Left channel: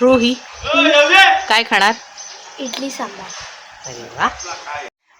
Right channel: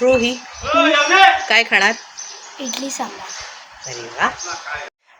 रोही काय खाणार? इडली सांबार. अरे वा.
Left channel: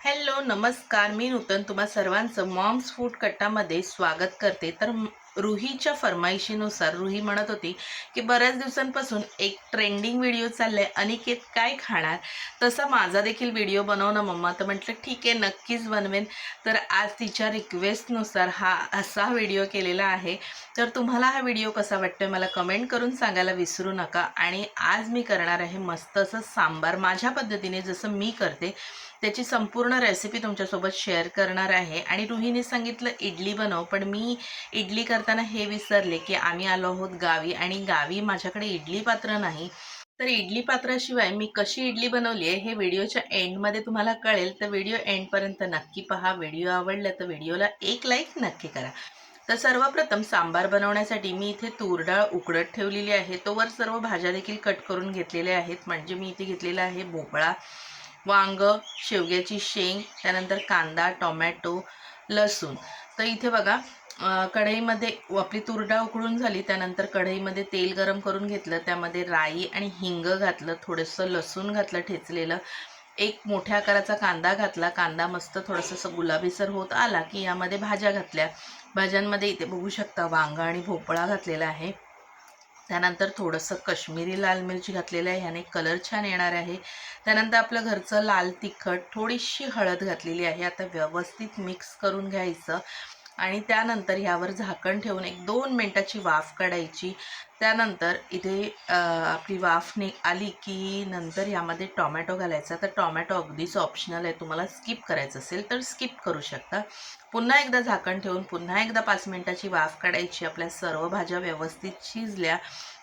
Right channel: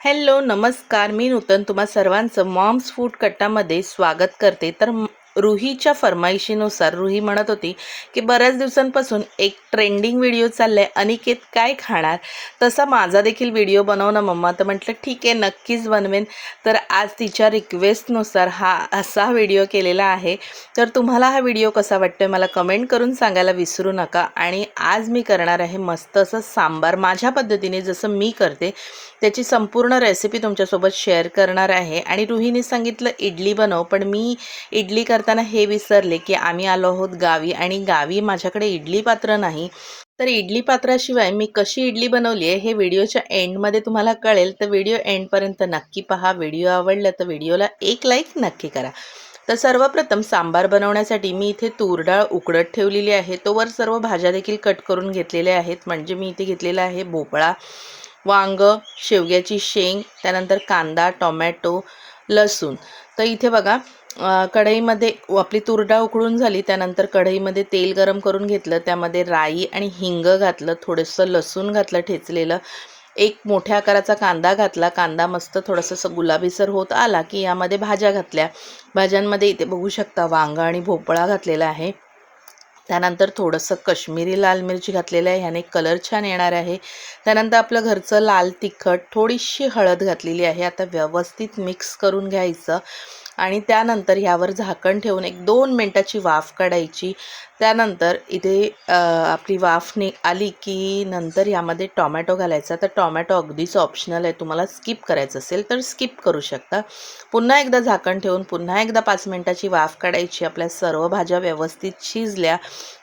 हॅलो नमस्कार. मी नूतन तुम्हा सर्वांचं मॉम्स फूड कट्टामध्ये स्वागत करते. तर रुहीच्या फरमाईशीनुसार रुही म्हणत होती की बऱ्याच दिवसांपासून एक ट्रेंडिंग व्हिडिओ चाललाय. अनिकेत काय खाणार? तसा माझा देखील व्हिडिओ बनव ना मम्मा. तर म्हटलं ठीक आहे नक्कीच बनवेन. तर आज तिच्या रिक्वेस्टनुसार हा असा व्हिडिओ केलेला आहे. तर तुम्हाला हा व्हिडिओ कसा वाटतोय मला कमेंट करून सांगायला विसरू नका. आणि आज मी करणार आहे मस्त असं सांबार. माझ्या पद्धतीने जसं मी करते त्याची संपूर्ण रेसिपी तुमच्यासोबत शेअर करणार आहे. आणि रुहीने सांगितलं इडली बनव. पण मी इडली करताना हे विसरले की आम्ही आलो आहोत गावी आणि गावी माझ्याकडे इडली पात्र नाही. तर इडली पात्राशिवाय मी कशी इडली बनवली आहे हे व्हिडिओच्या एंडमध्ये तुम्हाला कळेल. तर व्हिडिओ एंडपर्यंत नक्की पहा. व्हिडिओ आवडला तर व्हिडिओला एक लाईक नक्की करा. तर सर्वप्रथम सांबार बनवण्यासाठी मी इथे तूर डाळ उकडत ठेवलेली आहे. तोवर सर्व भाज्या देखील कट करून घेतलेल्या आहेत. म्हणजे मी इथे घेतलेला आहे भोपळा वांग शेवग्याची शेंग त्यानंतर कांदा टोमॅटो लसूण. तर इथे बघा कढईमध्ये आपली तुरडा उकळून झाली त्यानंतर कढईमध्ये तेल गरम करून घेतलं त्यामध्ये राई आणि हिंग घातलं थोडंसं लसूण घातलं ठेचलेलं. एक मोठ्या आकाराचा कांदा घातला कांदा मस्त थोडंसं गुलाबीसर होत आला की यामध्ये भाज्या घातल्या. भाज्यांमध्ये इथे बघू शकता वांगा आणि भोपळा घातलेला आहे. त्यानंतर थोडंसं कश्मीरी लाल मिरची घातलेलं आहे ह्याने कलर छान येणार आहे. त्यानंतर आपलं घरचं लाल तिखट थोडीशी हळद घातलेली आहे आता व्यवस्थित मिक्स करून घ्यायचं. आणि त्यानंतर ह्यावर झाकण ठेवून एक दोन मिनटाची वाफ काढायची. त्यानंतर इथे आपली वाफ नि आली की नंतर यामध्ये टॉमॅटो घालायचा. तर टॉमॅटो अगदीच ऑप्शनल आहे. तुम्हाला स्किप करायचं असेल तर स्किप करू शकता. पुन्हा एकदा झाकण ठेवून पुन्हा एकदा पाच मिनटाची वाफ काढायची. आपल्या सर्व भाज्या व्यवस्थित शिजल्या.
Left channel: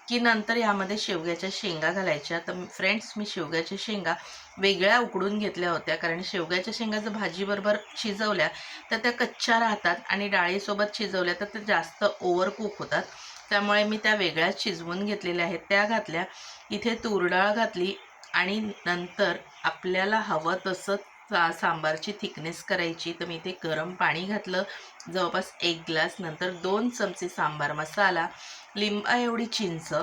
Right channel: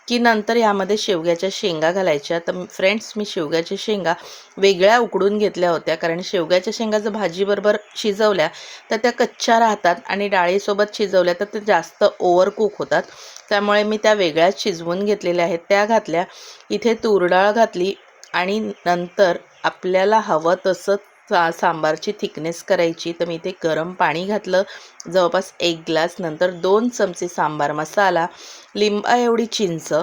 की नंतर यामध्ये शेवग्याच्या शेंगा घालायच्या. तर फ्रेंड्स मी शेवग्याच्या शेंगा वेगळ्या उकडून घेतल्या होत्या. कारण शेवग्याच्या शेंगा जर भाजीबरोबर शिजवल्या तर त्या कच्च्या राहतात आणि डाळीसोबत शिजवल्या तर ते जास्त ओव्हर कुक होतात. त्यामुळे मी त्या वेगळ्याच शिजवून घेतलेल्या आहेत. त्या घातल्या इथे तूर डाळ घातली आणि नंतर आपल्याला हवं तसं सा सांबारची थिकनेस करायची. तर मी इथे गरम पाणी घातलं. जवळपास एक ग्लास नंतर दोन चमचे सांबार मसाला लिंबा एवढी चिंच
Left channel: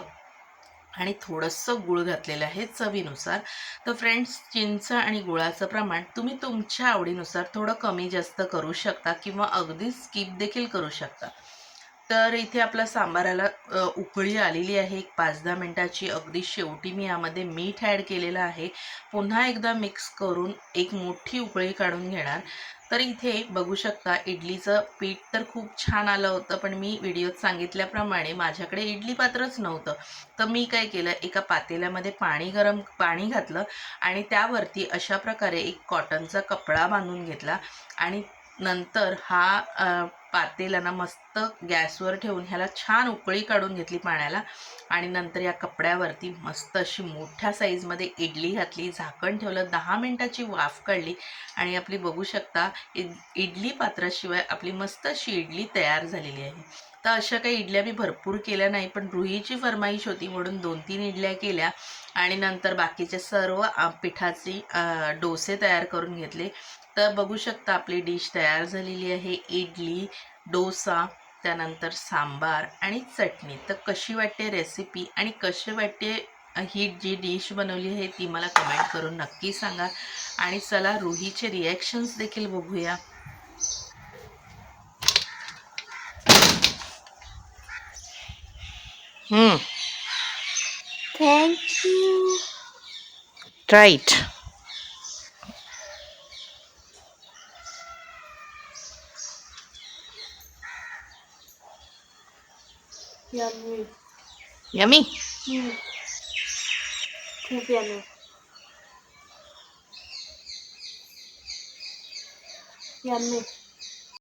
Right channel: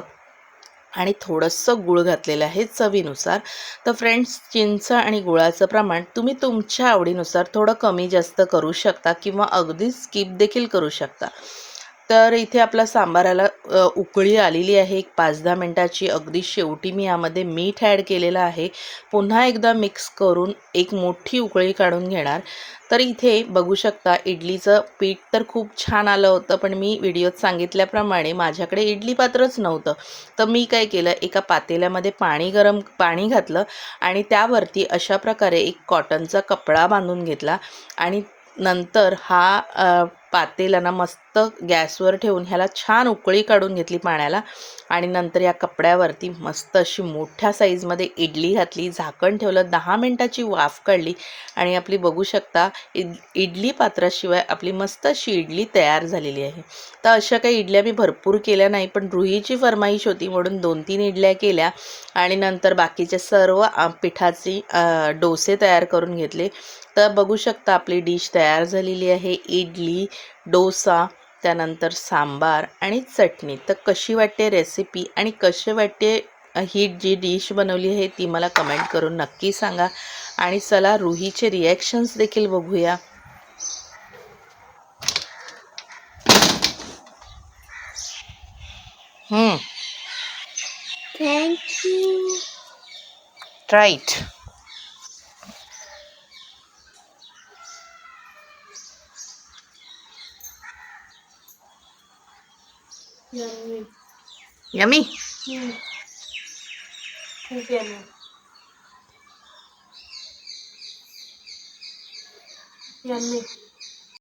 आणि थोडंसं गूळ घातलेलं आहे चवीनुसार. तर फ्रेंड्स चिंच आणि गुळाचं प्रमाण तुम्ही तुमच्या आवडीनुसार थोडं कमी जास्त करू शकता किंवा अगदी स्किप देखील करू शकता. तर इथे आपला सांबाराला उकळी आलेली आहे. एक पाच दहा मिनटाची. अगदी शेवटी मी यामध्ये मीठ ॲड केलेलं आहे. पुन्हा एकदा मिक्स करून एक मोठी उकळी काढून घेणार. तर इथे बघू शकता इडलीचं पीठ तर खूप छान आलं होतं पण मी व्हिडिओत सांगितल्याप्रमाणे माझ्याकडे इडली पात्रच नव्हतं. तर मी काय केलं एका पातेल्यामध्ये पाणी गरम पाणी घातलं आणि त्यावरती अशा प्रकारे एक कॉटनचा कपडा बांधून घेतला आणि नंतर हा पातेला ना मस्त गॅसवर ठेवून ह्याला छान उकळी काढून घेतली पाण्याला. आणि नंतर या कपड्यावरती मस्त अशी मोठ्या साईजमध्ये इडली घातली झाकण ठेवलं दहा मिनटाची वाफ काढली. आणि आपली बघू शकता इड इडली पात्राशिवाय आपली मस्त अशी इडली तयार झालेली आहे. तर अशा काही इडल्या मी भरपूर केल्या नाही पण रुहीची फरमाईश होती म्हणून दोन तीन इडल्या केल्या. आणि नंतर बाकीचे सर्व पिठाची डोसे तयार करून घेतले. तर बघू शकता आपली डिश तयार झालेली आहे. इडली डोसा त्यानंतर सांबार आणि चटणी. तर कशी वाटते रेसिपी आणि कशी वाटते ही जी डिश बनवली आहे ती मला कमेंट करून नक्की सांगा. आणि चला रुहीचे रिॲक्शन्स देखील बघूया. Thank you right Yummy. Yummy? Mm. yummy. Yummy.